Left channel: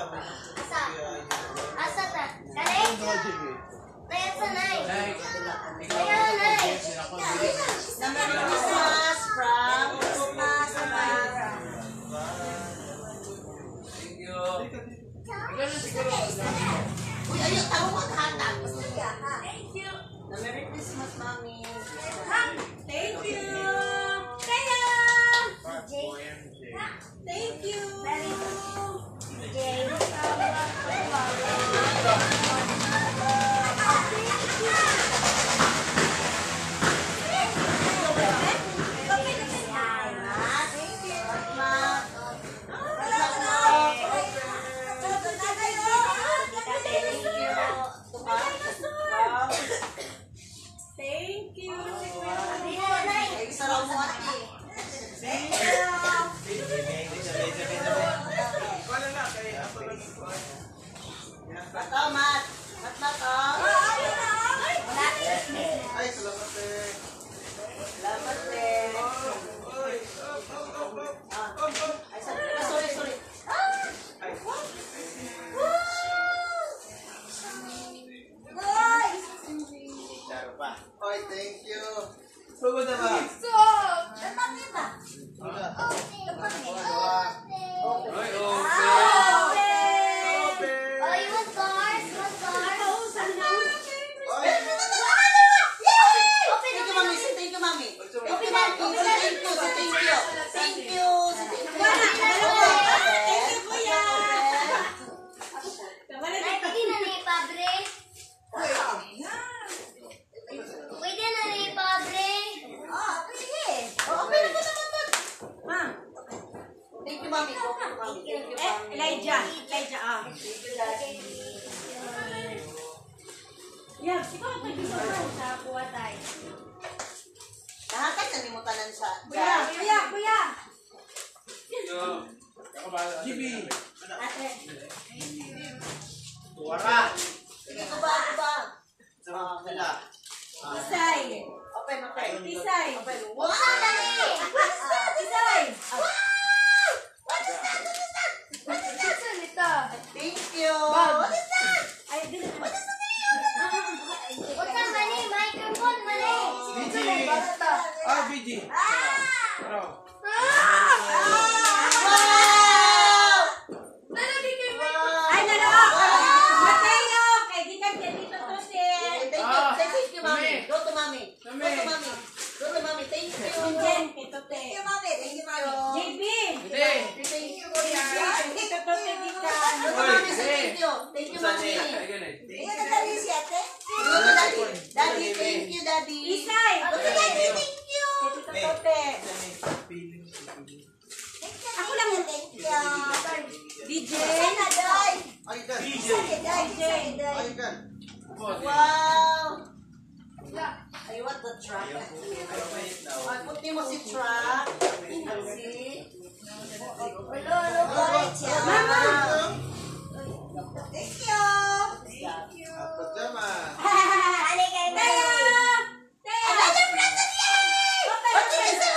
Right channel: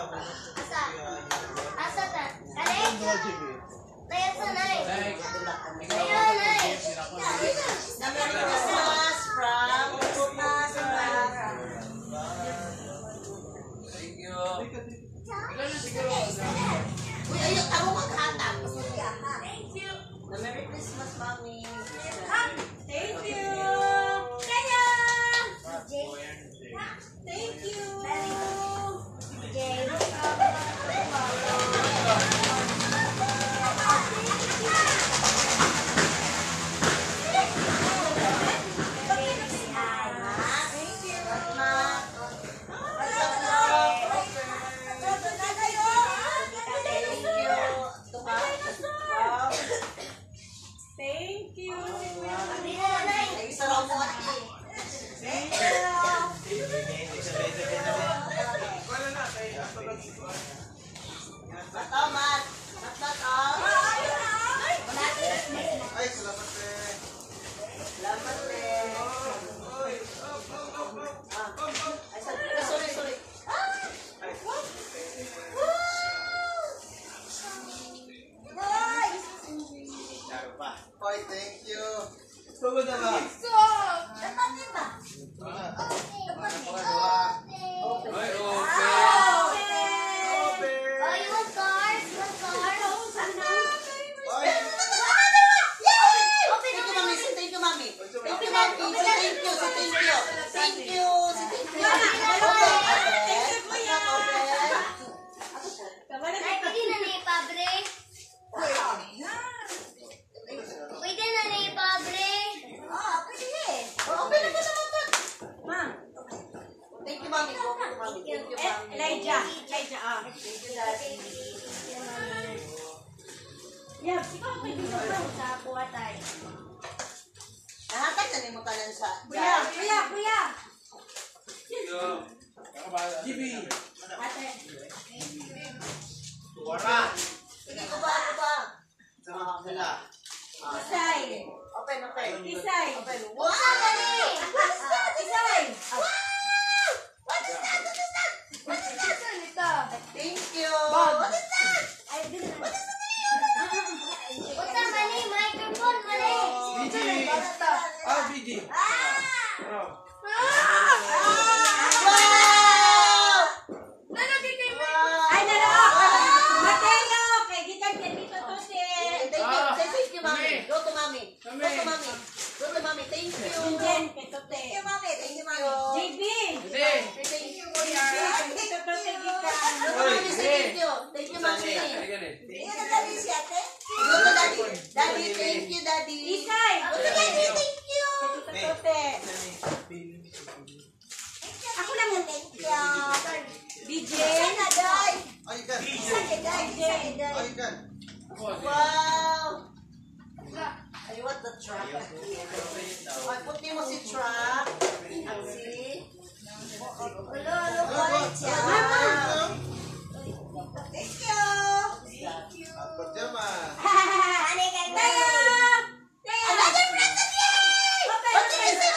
Asa? Asa ta? Kanay? Nay, asa nay? Nay, nay. Merry Christmas from Samara. Thank you. Ikaw na siguro. Uy, ayun, tamo mag-hatag. Thank you. Merry Christmas, Mommy. Thank you. Kaya. Thank you. Thank you. Bataw, Mat. Bataw. Ay, salamat eh. Salamat eh. Ay, sorry. Oy, thank you. Pagod na ba? Elijah. Yeah, ikaw pa dito sa kuwatay. Nahakat sa nimutanan sa. Kuya. GB. Ate. Tuwara. Sige, kuba. Sila. Isay. Open. Isay. Open. Wow! Isay. What is that? Thank you. What is that? What is What's that, Manny? Microphone, Manny. BG. BG. Ano? Ay, Mateo, kay gikan kay dito to si. Thank you, Mami. Go to Mami. Thank you. Jen, kay Tote. Thank you, Mami. JB. Thank you, Kuya. Dito to si gikan. Thank you, Mami. Daddy, thank you, Daddy. Isay. Thank you. Kay Tote. Ako lang ang thank you. DJ. Ay, gan. DJ. Ay, gan. Wow. I want the truck. Ay, puti mo si truck. See? Thank you. Apat jama. Another present, yay! Open. Ikaw, Isay?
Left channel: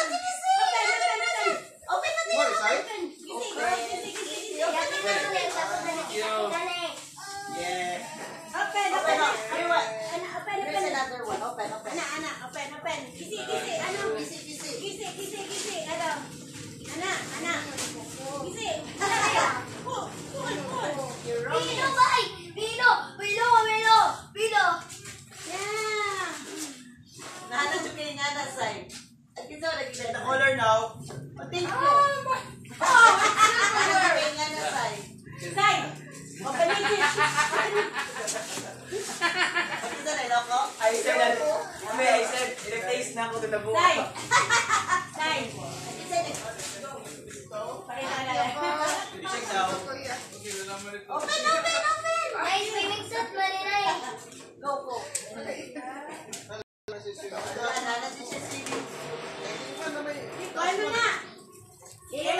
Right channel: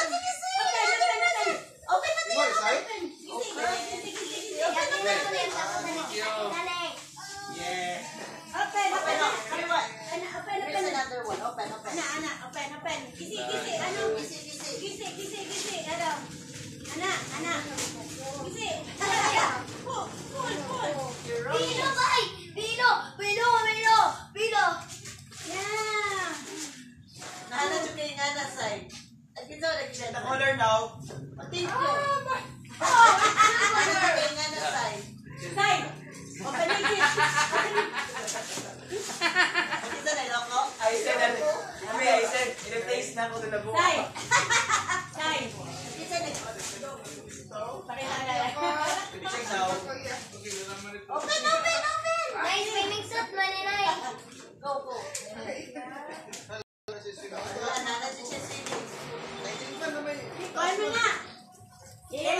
There's another one. Open. Open. Kisi. Ana. Kisi. Pull. You're right. Pilo. Yeah. Nahanap yung kaya nga na side. At ito, The color now. thank you. Kaya nga na side. Side. Open it. Ito na iloko. I said, il-taste na ako na buka. Side. Pakita ka lang. Check now. Open. Nice swimming suit, Manny. Go. Kuhan mo na. Yeah.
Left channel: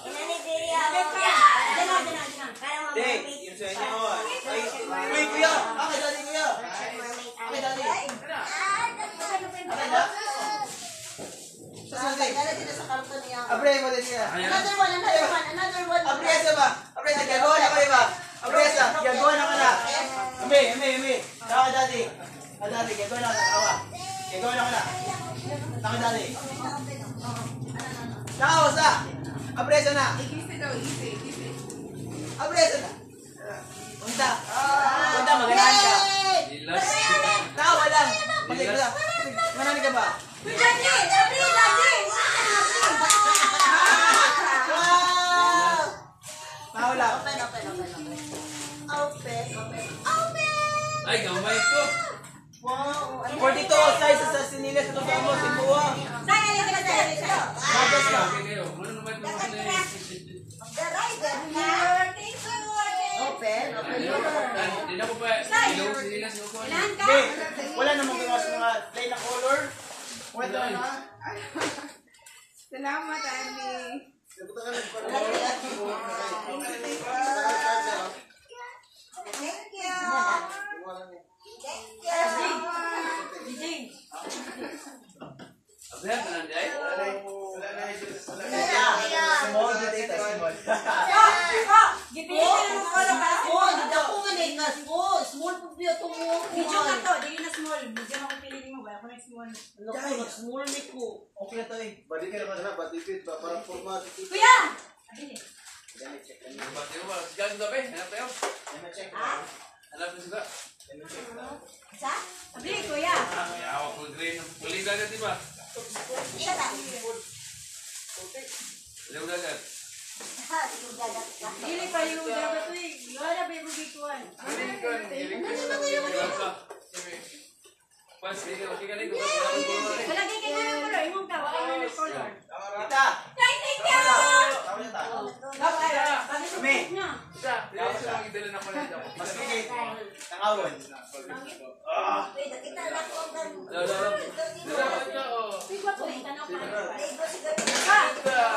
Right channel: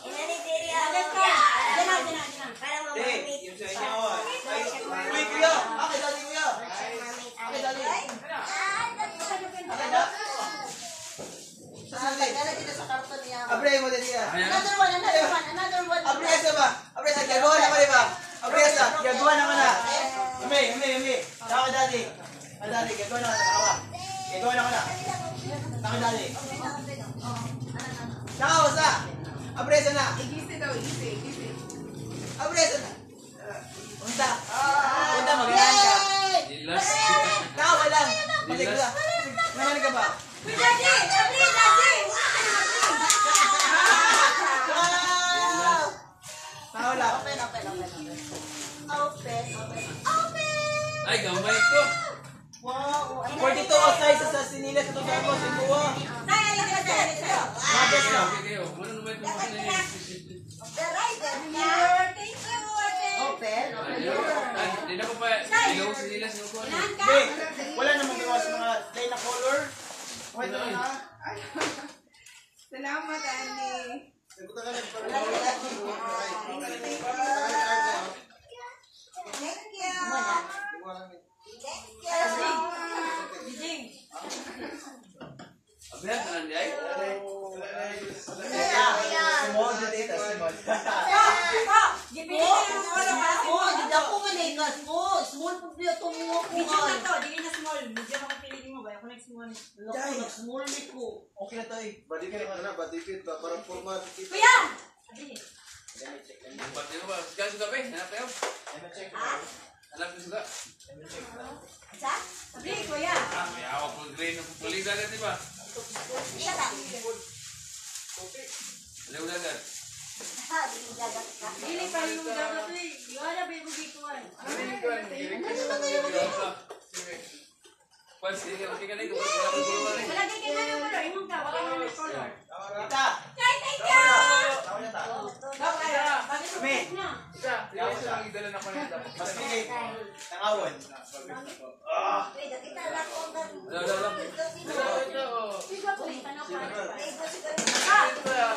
Inani diri ako. Parang Dek, mamamit. yung sa inyo. Uy, kuya! Dali, kuya! Mamamit. Dali. Ah, Ano ba? Dala dito sa karton niya. Abre mo din siya. Another one. Abresa ba? Abresa, gagawa na ka rin ba? Abresa, gagawa na ka na. Umi. Taka dati. Dati, gagawa na ka na. Gagawa na ka na. Taka dati. Taka, basta. Abresa na. Igisi daw, igisi. Abresa na. Unta, magalaan ka. Tawa lang. Pasig ka. Nananig ka ba? Tawa lang. Open. Ay, gamay ko. Wow. 42 size sa sinilas ito sa mo, sinuwa. Magas lang. Kayo, ano naman ito mga na Open. Hindi na ko pa, ilaw sila sa ko. Hindi, wala namang gawa sa mga play na color. Wait lang na. Salamat, Andy. Thank you. Abra ka lang day. Small data, small. Small po biya ito mo. Medium na to, di na small. Medium ako piliin mo ba? Ako nag-small. Small meat ko. Okay na to eh. Badikit na, badikit ba? Parang format. Kuya! Abili. Pati ko ba? Sigal sudah ba? Hanap kayo? Hanap ko sudah. Sa? Abili, kuya. Ay, awak ko green. Puliga na diba? Isa lang. Liw na lang. Ha, di yung gagat ka. Abili pa yung dapat to eh. Wala, baby, bikuan. Pas, sige ka dito. Wala din kayo ng color. Imong ka, wala kayo ng color. Kita! Thank you! Tama niya ta. Kami. Isa, diretso lang idala na ko nito. Mas bigay. Tangawon. Wait, kita na ako ang gago.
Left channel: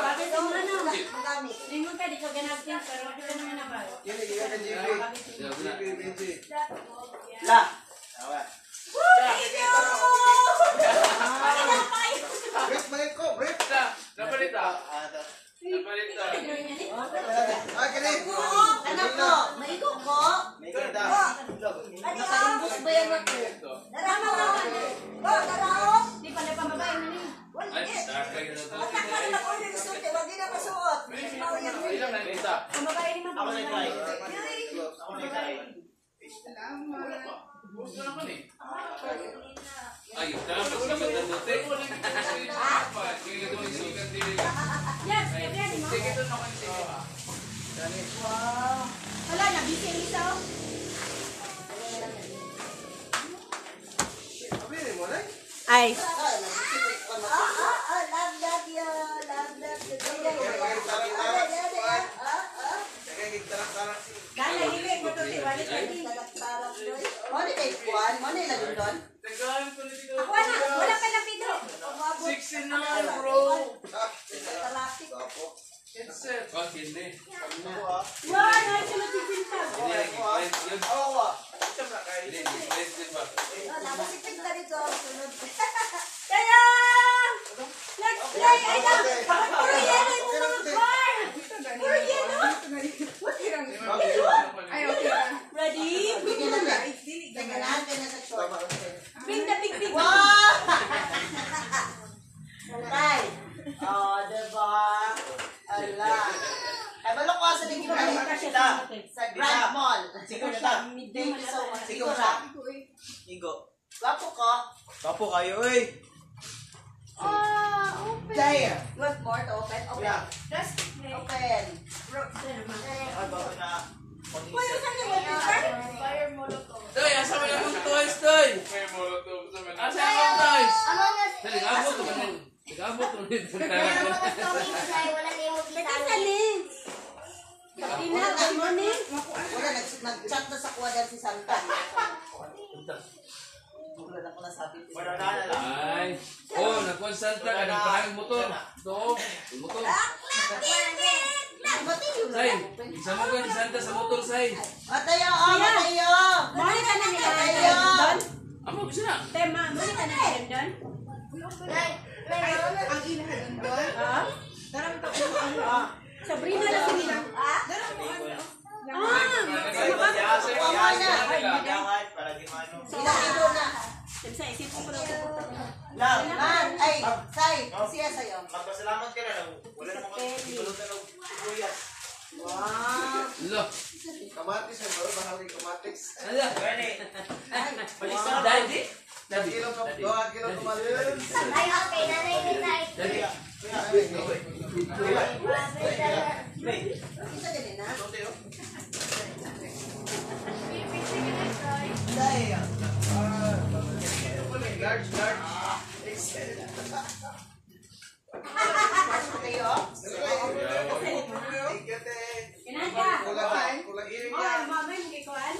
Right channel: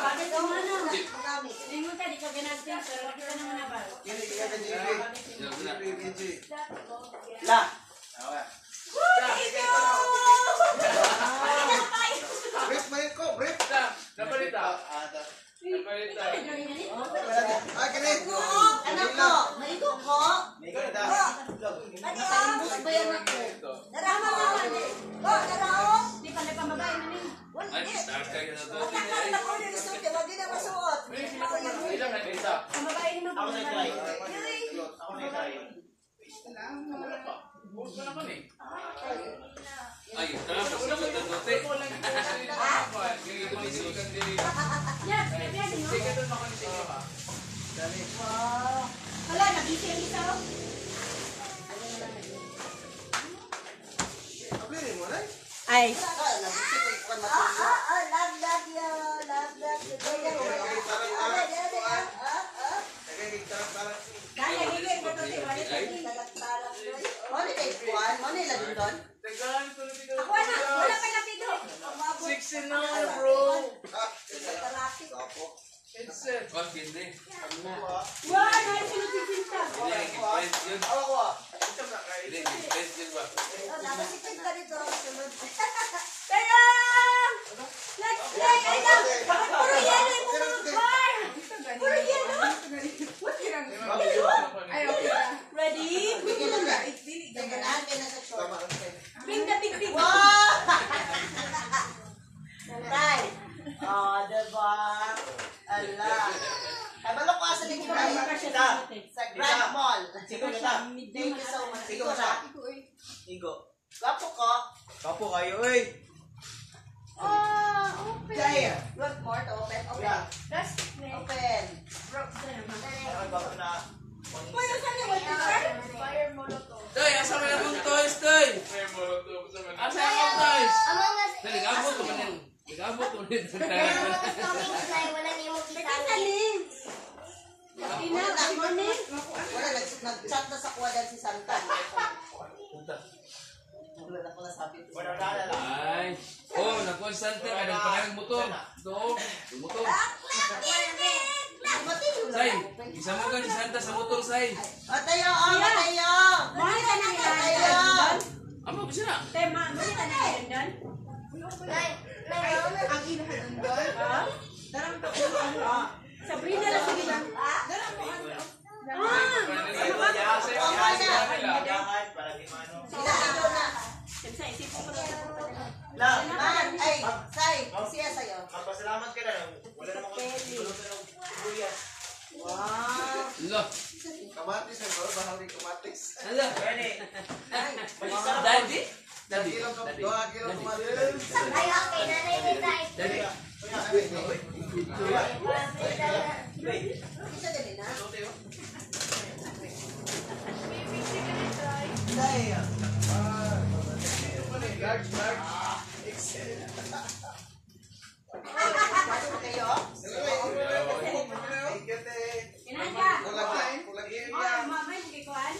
Bakit ang ano? Madami. Lingon ka, di ka ganagyan. Pero bakit ka naman nabal? Kini, kaya ka JB. Dạ, La! Tawa. Break mo ko, break! Napalita. Napalita. Ay, kini! Anak ko, maigo ko. May ganda. Nakaimbus ba yan ako? Darama naman. Darama. Di pala pambabae na niya. Ay, takay ka na to. Wag din na masuot. Ilang na nita. Pambabae ni Ako mama. na-try. Ako na-try. Salamat. Gusto na ko ni. Ay, mas dapat na dote. Kaya ito may sugat din. Yes, ready mo? Sige, ito na ko ni sige pa. Wala, nabisi ang isa. Abili mo na. Ay. Love that you. Love that you. Dala, hilig mo to, wala ka din. Ano kay Juan? Ano yung laging doon? Taglaan ko na dito. Wala ka na video. 16 na lang, bro. Kapo. It's wag hindi. Wow, yan sila titinta. Hindi, nag-friends yun. Hindi, nag-friends yun ba? Kaya! Let's play! Ay na! Puro yellow yung mga car! Puro yellow! Ay, okay na. Ready? Tama. Bring the big big. Tay. Oh, diba? Ala. Ay, balok ko sa linggo sa Grand Mall. Sigo na ta. Thank you so much. Sigo sa. Igo. Gwapo ko. Kapo kayo, uy. Damn. You want more to open? Open. Yeah. Open. Ay, bago na. Toy, asa mo yung toys, Toy? Asa yung toys? Dali, nagabot ko man. Nagabot ko man. Wala, nag-chat na sa kuwadan si Santa. Wala na ko nasabi. Ay. Oh, nagkuhan Santa ka. Nagpanang motor. Ito, yung motor. Say, isa mo ka ni Santa sa motor, Say. Matayo, oh, matayo. Mali ka na nila Matayo. Amo ko siya. Tema, mali ka na nila doon? Ang ilahan doon. Darang to. Sabrina na sila. Darang mo ano. Ilahin na. Sa isipin ko na Man, ay, say, siya sa'yo. Magpasalamat ka na. Wala mo kuyas. Wow. Lo. Kamatis ang bro, bahagi kamatis. Ano? Gani. Daddy? Daddy. Kilo kamatis. Ay, okay, nanay ni Tay. Daddy. Isa din na. Say, Large. March mo kayo? Thank you, te. Inanda. Kulang Ay, mamay mo kay Kuan.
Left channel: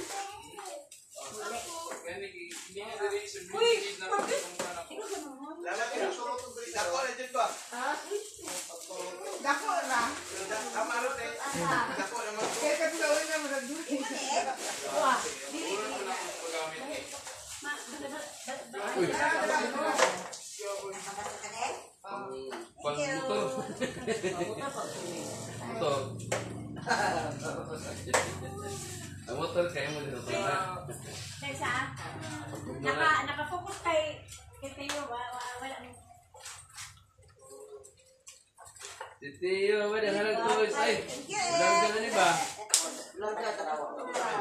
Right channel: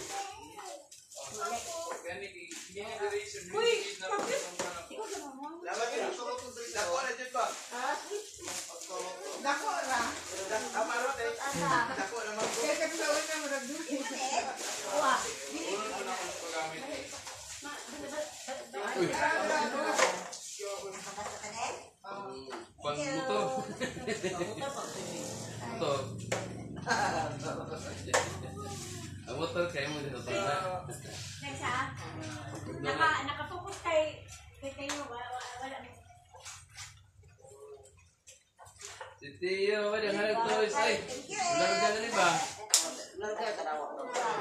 Uy, Lalaki ng sulot ng tuwid. Dako na dyan ba? Dako ra. Tama rin, te. Dako na mo. Kaya katulawin na mo na doon. Uy. Pag motor. Ito. Ang motor kayo mo dito. Kaysa, naka-focus kay Teo, wala mo. Si Tio, ba yung hanap toys? Ay, walang ganun ba? Larga tarawa.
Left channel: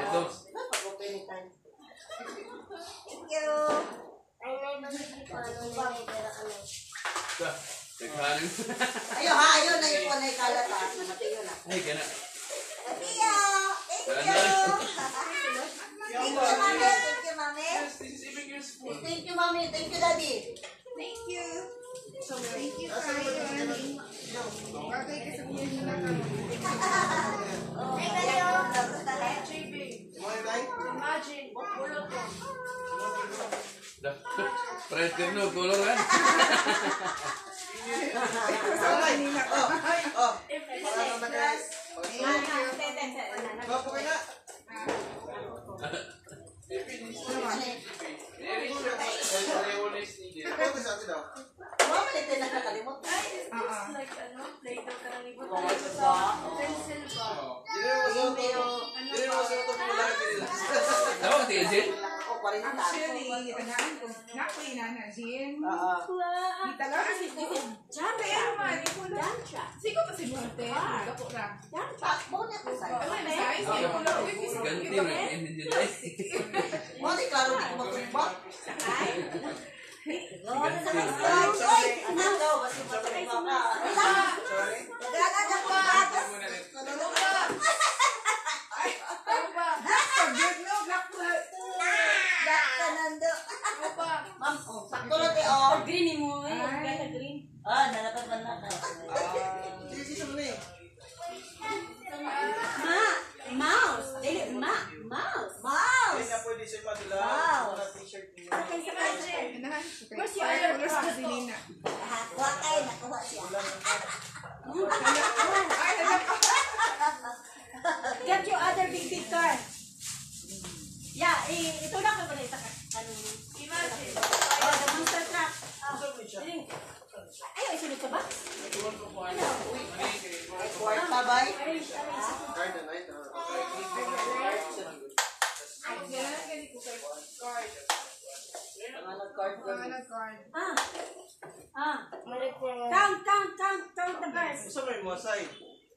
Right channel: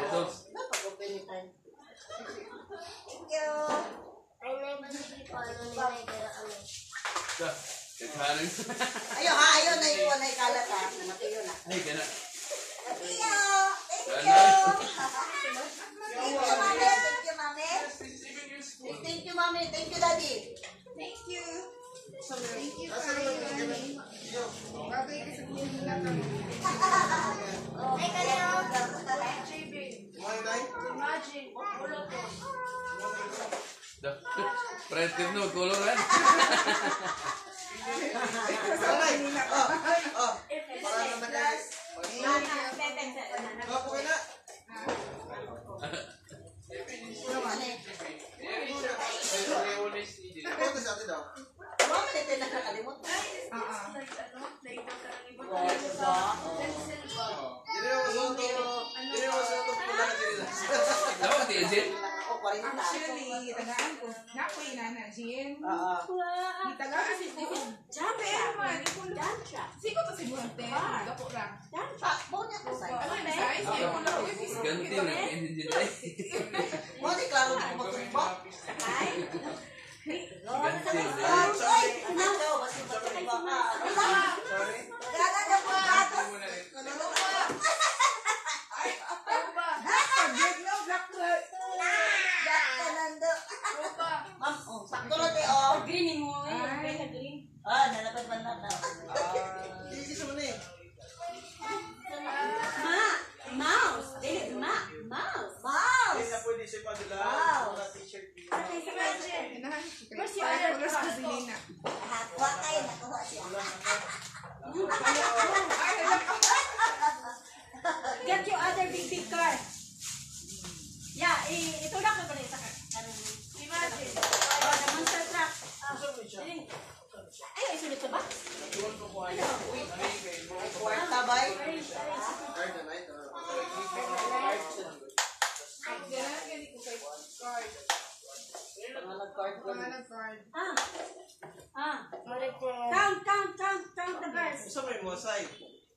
Ito. Napag-open ni tayo. Thank you. Ay, nay, bakit ko ano ni Nay pero ano? Ito. Naghaling. Ayaw na yung kunay kalat ha. Namatiyo na. Ay, gana. Tiyo! Thank you! Gana. Thank you, mami. Thank you, mami. Thank you, daddy. Thank you. Thank you, Tay. Bagay ka sa kuya na kami. Ay, kayo. Kumain, tay? Prete no, color kan? Para naman kayo. Bago kayo na. Ito sa atin daw. Mama, ito na nakalimot. Hindi mo sa ito pula na nila. Dapat ya, Jen? O, 40. Actually, tanaan ko. Nakoy na na, Jin. Oo. Di talaga si ko. Pero man, ikulo. Siko pa si Buhante. Dako ra. Pakbo niya ko sa'yo. Ano yung size? Ikulo. Ganti na, hindi dyan. Mo, di klaro di ko magtumbak. Ganti. Oy! Ano daw? Basta magtumbak ka. Sorry. Dala po atas. Good no, black flag. Daka nando. Ma'am, sakto na te, oh. Green mo, kaya green. Ah, nalapan ba na? Sisi sa mani. Mouse. Dili, mouse. Mouse! Hindi na pwede siya padula. Wow. Wala t-shirt niya. Okay, sa kanya. Ganahan ko kay. Five colors ko si Nina. Kuha kayo, nakuha siya. Ay, alam ko. Get your other big car. Yeah, ito lang ka ba sa imagine. Monster truck. Ay, sunod ka ba? Ano? Ay, kwarta ba? Card na na ito. Ganahan gani ko kay card. Mga nag-card ko. Mga nag-card. Count the birds. Gusto mo yung wasay?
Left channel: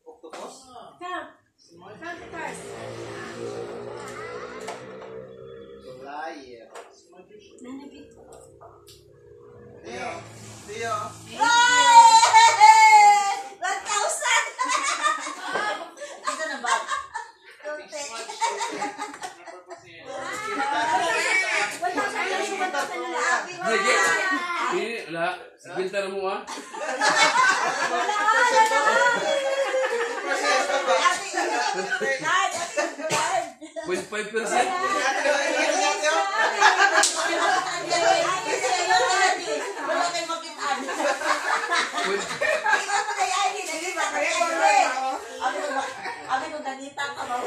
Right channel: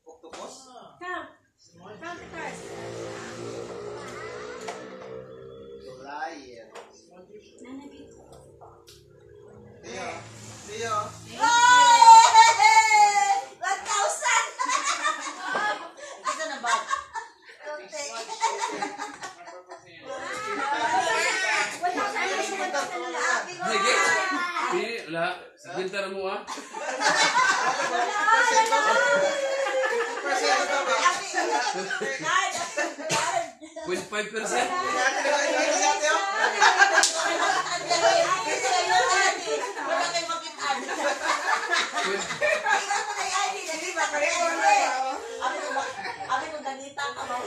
Octopus? Count the birds. Liar. Nanagit. Tiyo. Tiyo. Hey! 1,000! Ito na ba? Sige. Wala. Ginta na mo ah. Card! 0.5%. Wala kayo makitaan. Abi ko ganita ka ba?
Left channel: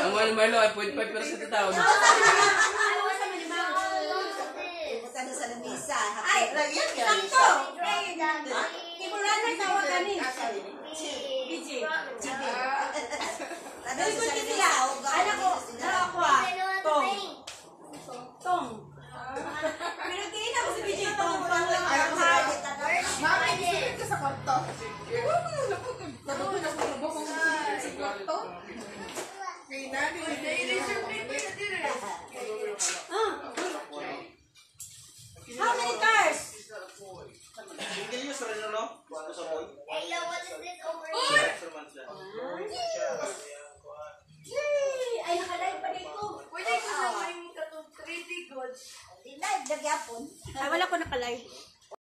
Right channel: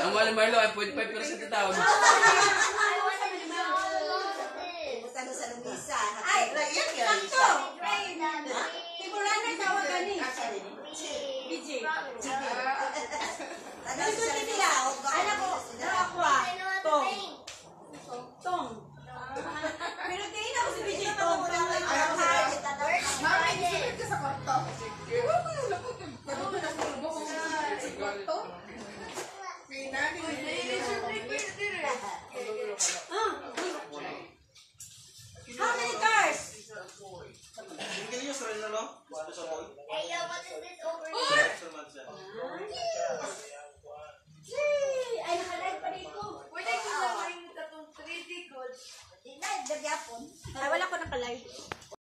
Ang wala Marlo ay 0.5% na taon. Ito ka na sa lamisa. Ay, yan yan. Sakto! Tibulan may tawag kami. BJ. Very good, Kitila. Anak ko, ako Tong. Tong.